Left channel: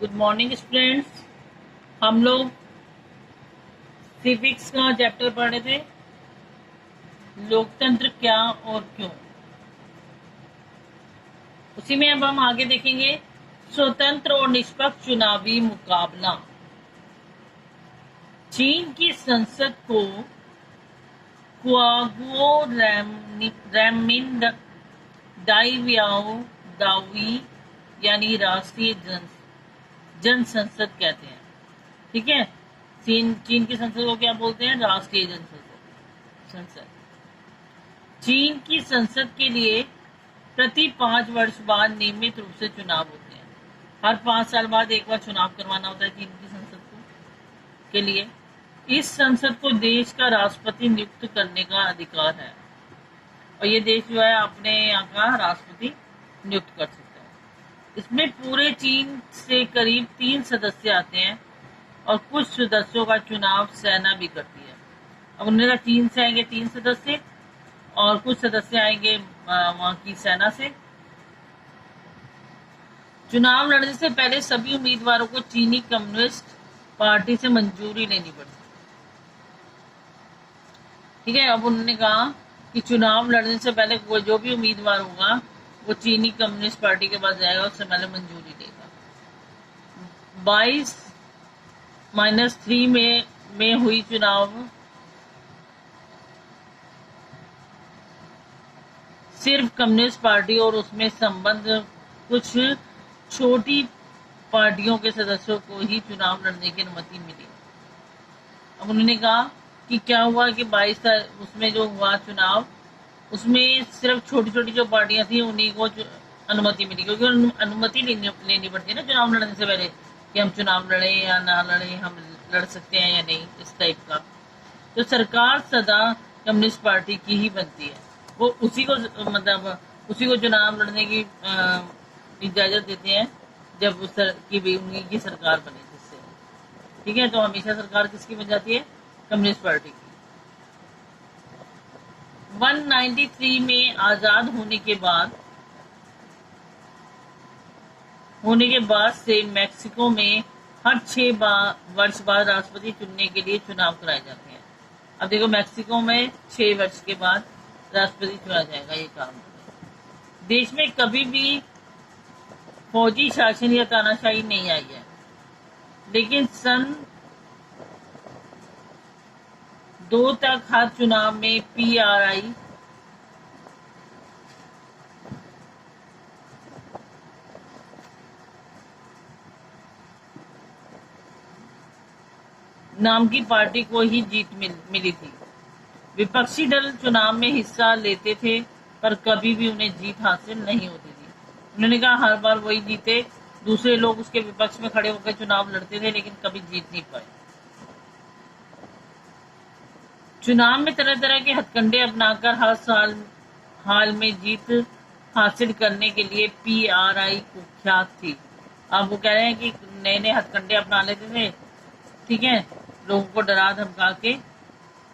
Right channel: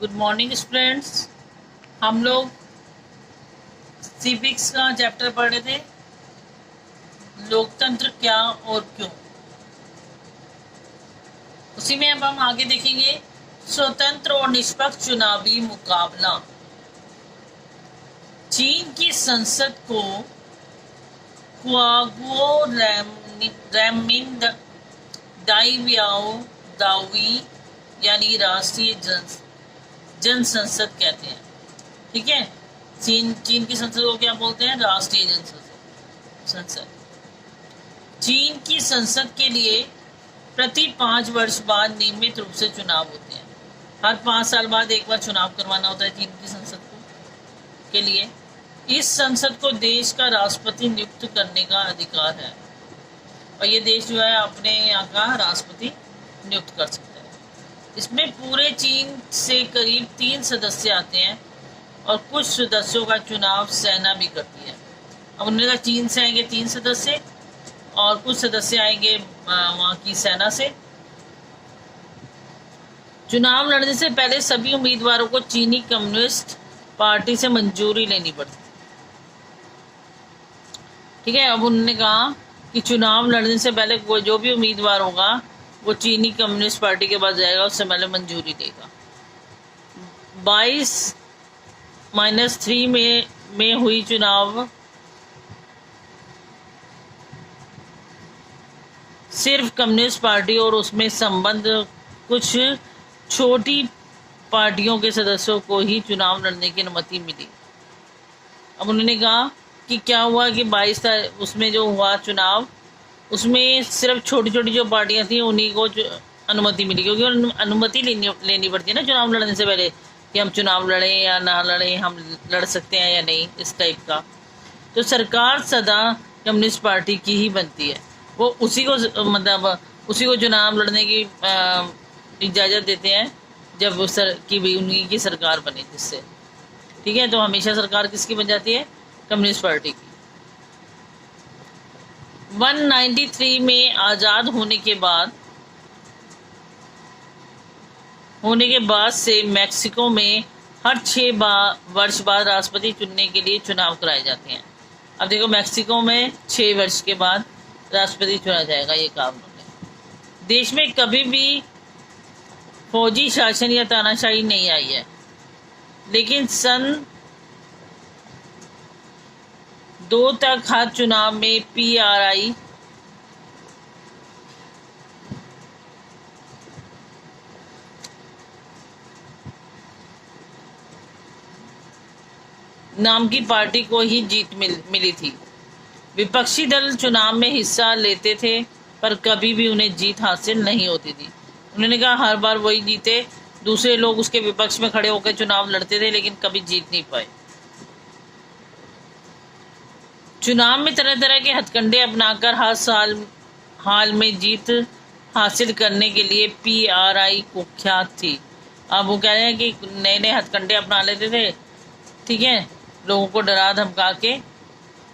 Good morning students. हम लोग civics का चैप्टर पढ़ रहे थे, लोकतंत्र क्या और क्यों। उसी में अब हम आगे देखेंगे स्वतंत्र और निष्पक्ष चुनावी मुकाबला। चीन की संसद को क्वागुओ रैमिन दाइवियाओ दावी यानी राष्ट्रीय जन संसद कहते हैं। ठीक है, चीन की संसद को क्या बोलते हैं? राष्ट्रीय जन संसद। चीन की संसद के लिए प्रति 5 वर्ष बाद नियमित रूप से चुनाव होते हैं। हर 5 साल बाद एक बार चुनाव करवाना होता है चीन की संसद के लिए। इस संसद को देश का राष्ट्रपति नियुक्त करने का अधिकार है और ये देश जो है अपने यहाँ का राष्ट्रपति नियुक्त कर सकता है। इसमें पूरे चीन से करीब 3 सदस्य आते हैं और कुछ सदस्यों का चुनाव सेना भी करती है। अब उन्होंने कहा चीन से आएंगे 3 सदस्य और कुछ सदस्य आएंगे वहाँ की सेना से। चुनाव लड़ने से पहले सभी उम्मीदवारों को चीनी कम्युनिस्ट पार्टी से मंजूरी लेनी पड़ती। ठीक है, अब उन्होंने कहा कि चुनाव लड़ने से पहले कोई जो भी उम्मीदवार होगा वो चीनी कम्युनिस्ट पार्टी के पास जाएगा, उससे पहले मंजूरी देगा। 22-3 में हुई चुनाव सिर्फ कम्युनिस्ट पार्टी और उसमें संबंध कुछ छोटी पार्टियों के सदस्यों को ही चुनाव लड़ने की अनुमति मिली। अब उन्होंने कहा कि क्या हुआ कि 22 उसमें जो हुआ चुनाव, उसमें सिर्फ छोटी छोटी जो पार्टियां थी उन्हीं को अनुमति मिली, क्योंकि अनुमति लेनी पड़ती है ना चुनाव लड़ने से पहले कि हम चुनाव लड़ें या ना लड़ें, हम लड़ सकते हैं या नहीं, इस टाइप का। तो सरकार सदा कम्युनिस्ट पार्टी की ही बनती है, वो उसी को मतलब उसी को चुनाव लड़ने की इजाज़त देते हैं जब उन्हीं की सरकार बने जिससे। ठीक है, तो हमेशा सरकार किसकी बन जाती है? कम्युनिस्ट पार्टी की। 193 में आज़ाद होने के बाद से मैक्सिको में हर 6 वर्ष बाद राष्ट्रपति चुनने के लिए चुनाव कराए जाते हैं। अब देखो, मैक्सिको में 6 वर्ष के बाद राष्ट्रपति चुना जाएगा, ये काम है। देश में कभी भी फौजी शासन या तानाशाही नहीं आई है, लेकिन सन 2 तक हर चुनाव में PRI नाम की पार्टी को ही जीत मिली थी। विपक्षी दल चुनाव में हिस्सा लेते थे पर कभी भी उन्हें जीत हासिल नहीं होती थी। उन्होंने कहा हर बार वही जीते, दूसरे लोग उसके विपक्ष में खड़े होकर चुनाव लड़ते थे लेकिन कभी जीत नहीं पाए। चुनाव में तरह तरह के हथकंडे अपनाकर हर हाल में जीत हासिल करने के लिए PRI कुख्यात थी। अब वो कह रहे हैं कि नए नए हथकंडे अपना लेते थे, ठीक है, लोगों को डरा धमका के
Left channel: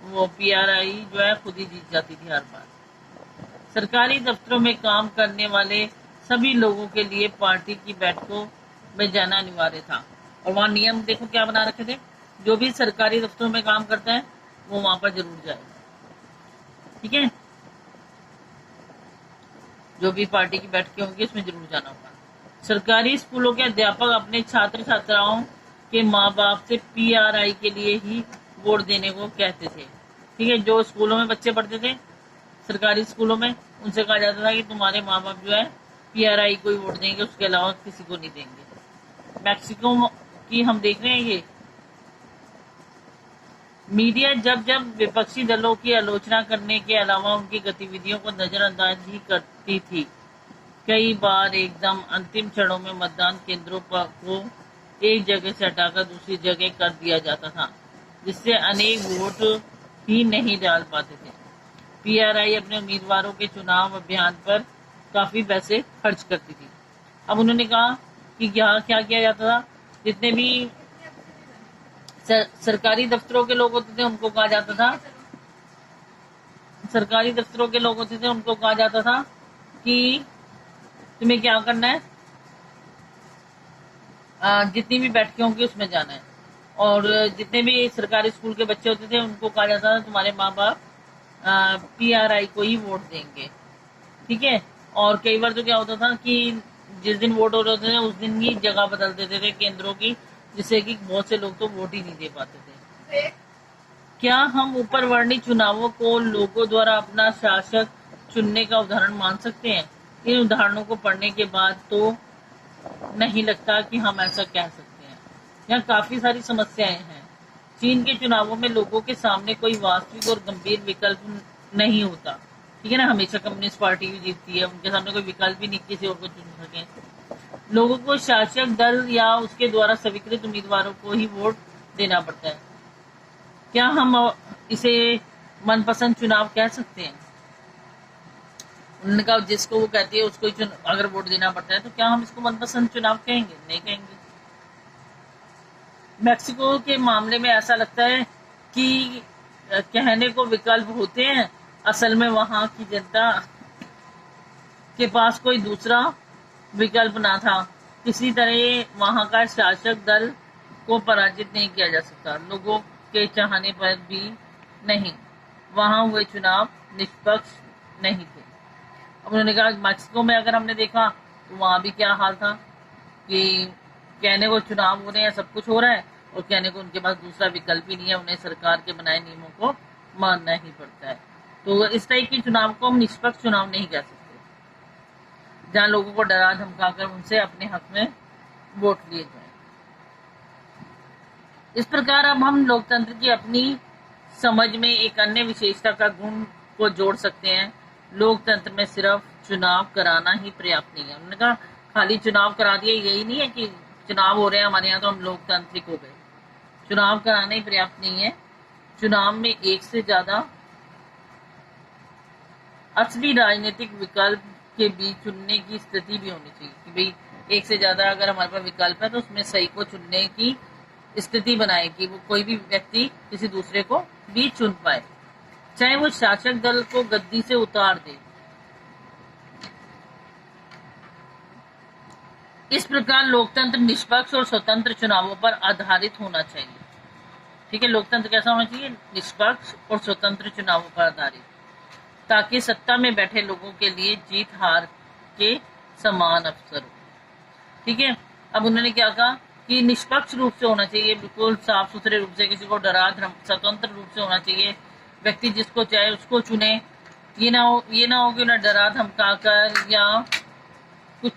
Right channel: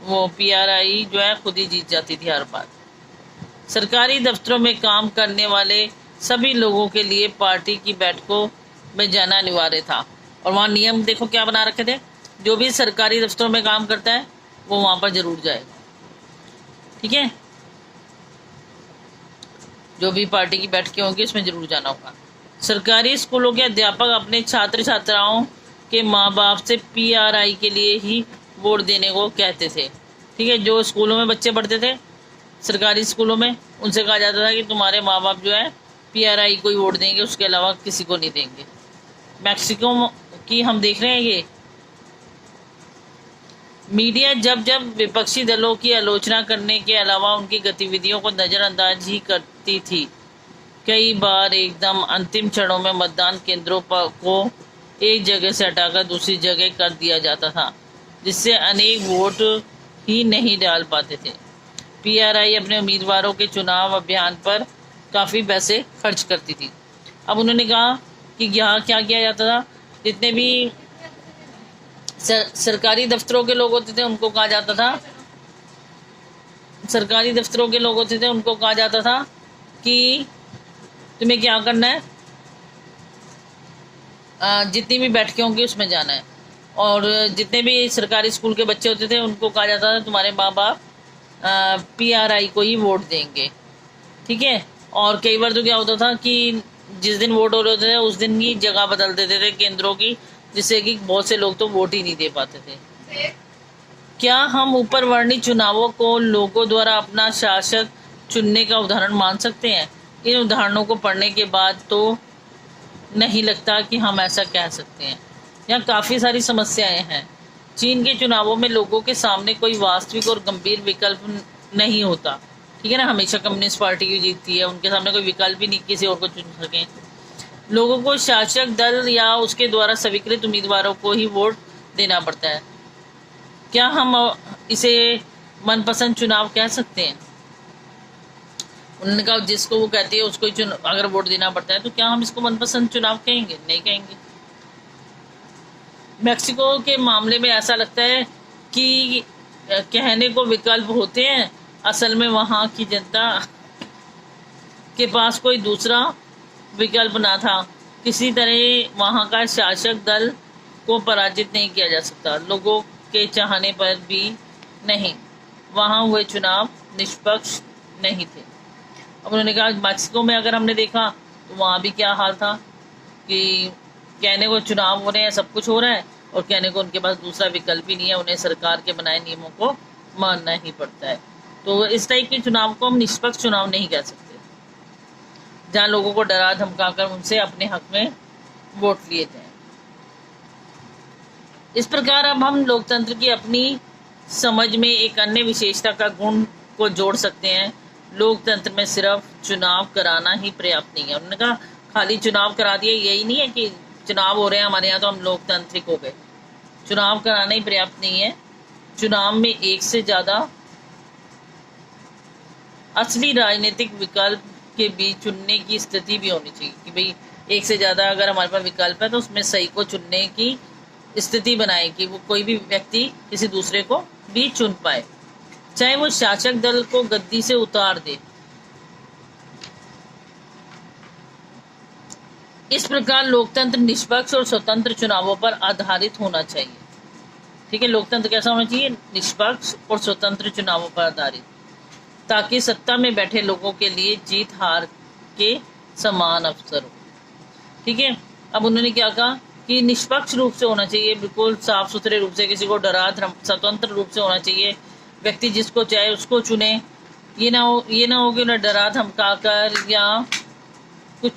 वो PRI जो है खुद ही जीत जाती थी हर बार। सरकारी दफ्तरों में काम करने वाले सभी लोगों के लिए पार्टी की बैठकों में जाना अनिवार्य था और वहाँ नियम देखो क्या बना रखे थे, जो भी सरकारी दफ्तरों में काम करता है वो वहाँ पर जरूर जाएगा। ठीक है, जो भी पार्टी की बैठकें होंगी उसमें जरूर जाना होगा। सरकारी स्कूलों के अध्यापक अपने छात्र छात्राओं के माँ बाप से PRI के लिए ही वोट देने को कहते थे। ठीक है, जो स्कूलों में बच्चे पढ़ते थे सरकारी स्कूलों में, उनसे कहा जाता था कि तुम्हारे माँ बाप जो है PRI को ही वोट देंगे, उसके अलावा किसी को नहीं देंगे। मैक्सिको की हम देख रहे हैं ये मीडिया जब जब विपक्षी दलों की आलोचना करने के अलावा उनकी गतिविधियों को नज़रअंदाज ही करती थी। कई बार एकदम अंतिम क्षणों में मतदान केंद्रों को एक जगह से हटाकर दूसरी जगह कर दिया जाता था, जिससे अनेक वोट ही नहीं डाल पाते थे। PRI अपने उम्मीदवारों के चुनाव अभियान पर काफ़ी पैसे खर्च करती थी। अब उन्होंने कहा कि यहाँ क्या किया जाता था, जितने भी सरकारी दफ्तरों के लोग होते थे उनको कहा जाता था कि तुम्हें क्या करना है, जितनी भी बैठकें होंगी उसमें जाना है। और जितने भी सरकारी स्कूल के बच्चे होते थे उनको कहा जाता था तुम्हारे माँ बाप PRI को ही वोट देंगे, ठीक है। और कई बार तो क्या होता था कि जिस दिन वोट हो रहे होते थे उस दिन की जगह बदल देते थे केंद्रों की, जिससे कि बहुत से लोग तो वोट ही नहीं दे पाते थे। क्या हम ऊपर वर्णित चुनावों को लोगों द्वारा अपना शासक चुनने का उदाहरण मान सकते हैं? इन उदाहरणों को पढ़ने के बाद तो नहीं लगता कि हम ऐसा कह सकते हैं। यहाँ काफी सारी समस्याएं हैं। चीन के चुनावों में लोगों के सामने कोई वास्तविक और गंभीर विकल्प नहीं होता, ठीक है ना। हमेशा कम्युनिस्ट पार्टी की जीतती है, उनके सामने कोई विकल्प ही नहीं किसी और को चुन सके। लोगों को शासक दल या उसके द्वारा स्वीकृत उम्मीदवारों को ही वोट देना पड़ता है। क्या हम इसे मनपसंद चुनाव कह सकते हैं? उन्होंने कहा जिसको वो कहती है उसको ही अगर वोट देना पड़ता है तो क्या हम इसको मनपसंद चुनाव कहेंगे? नहीं कहेंगे। मेक्सिको के मामले में ऐसा लगता है कि कहने को विकल्प होते हैं, असल में वहां की जनता के पास कोई दूसरा विकल्प ना था। किसी तरह वहां का शासक दल को पराजित नहीं किया जा सकता, लोगों के चाहने पर भी नहीं। वहां हुए चुनाव निष्पक्ष नहीं थे। अब उन्होंने कहा मैक्सिको में अगर हमने देखा तो वहां भी क्या हाल था कि कहने को चुनाव हो रहे हैं, सब कुछ हो रहा है, और कहने को उनके पास दूसरा विकल्प ही नहीं है, उन्हें सरकार के बनाए नियमों को मानना ही पड़ता है। तो इस टाइप के चुनाव को हम निष्पक्ष चुनाव नहीं कह सकते, जहां लोगों को डरा धमका कर उनसे अपने हक में वोट लिए जाए। इस प्रकार अब हम लोकतंत्र की अपनी समझ में एक अन्य विशेषता का गुण को जोड़ सकते हैं। लोकतंत्र में सिर्फ चुनाव कराना ही पर्याप्त नहीं है। उन्होंने कहा खाली चुनाव करा दिया, यही नहीं है कि चुनाव हो रहे हैं हमारे यहाँ तो हम लोकतांत्रिक हो गए। चुनाव कराना ही पर्याप्त नहीं है। चुनाव में एक से ज्यादा असली राजनीतिक विकल्प के बीच चुनने की स्थिति भी होनी चाहिए कि भाई एक से ज्यादा अगर हमारे पास विकल्प है तो उसमें सही को चुनने की स्थिति बनाए कि वो कोई भी व्यक्ति किसी दूसरे को भी चुन पाए, चाहे वो शासक दल को गद्दी से उतार दे। इस प्रकार लोकतंत्र निष्पक्ष और स्वतंत्र चुनावों पर आधारित होना चाहिए, ठीक है। लोकतंत्र कैसा होना चाहिए? निष्पक्ष और स्वतंत्र चुनावों पर आधारित, ताकि सत्ता में बैठे लोगों के लिए जीत हार के समान अवसर हो, ठीक है। अब उन्होंने क्या कहा कि निष्पक्ष रूप से होना चाहिए, बिल्कुल साफ सुथरे रूप से, किसी को डरा स्वतंत्र रूप से होना चाहिए। व्यक्ति जिसको चाहे उसको चुने, ये ना हो कि ना डरा धमका कर या कुछ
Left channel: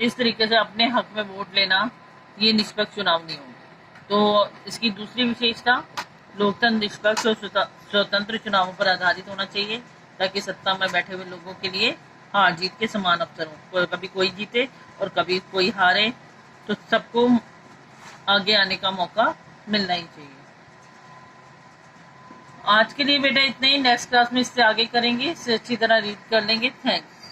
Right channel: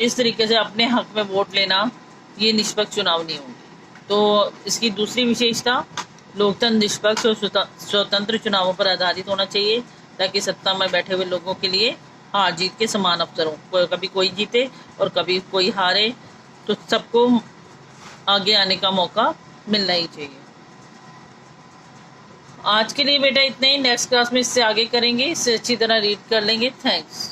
इस तरीके से अपने हक में वोट लेना, ये निष्पक्ष चुनाव नहीं होंगे। तो इसकी दूसरी विशेषता, लोकतंत्र निष्पक्ष और स्वतंत्र चुनावों पर आधारित होना चाहिए, ताकि सत्ता में बैठे हुए लोगों के लिए हार जीत के समान अवसर हो। कभी कोई जीते और कभी कोई हारे, तो सबको आगे आने का मौका मिलना ही चाहिए। आज के लिए बेटा इतना ही। नेक्स्ट क्लास में इससे आगे करेंगे, इससे अच्छी तरह रीड कर लेंगे। थैंक्स।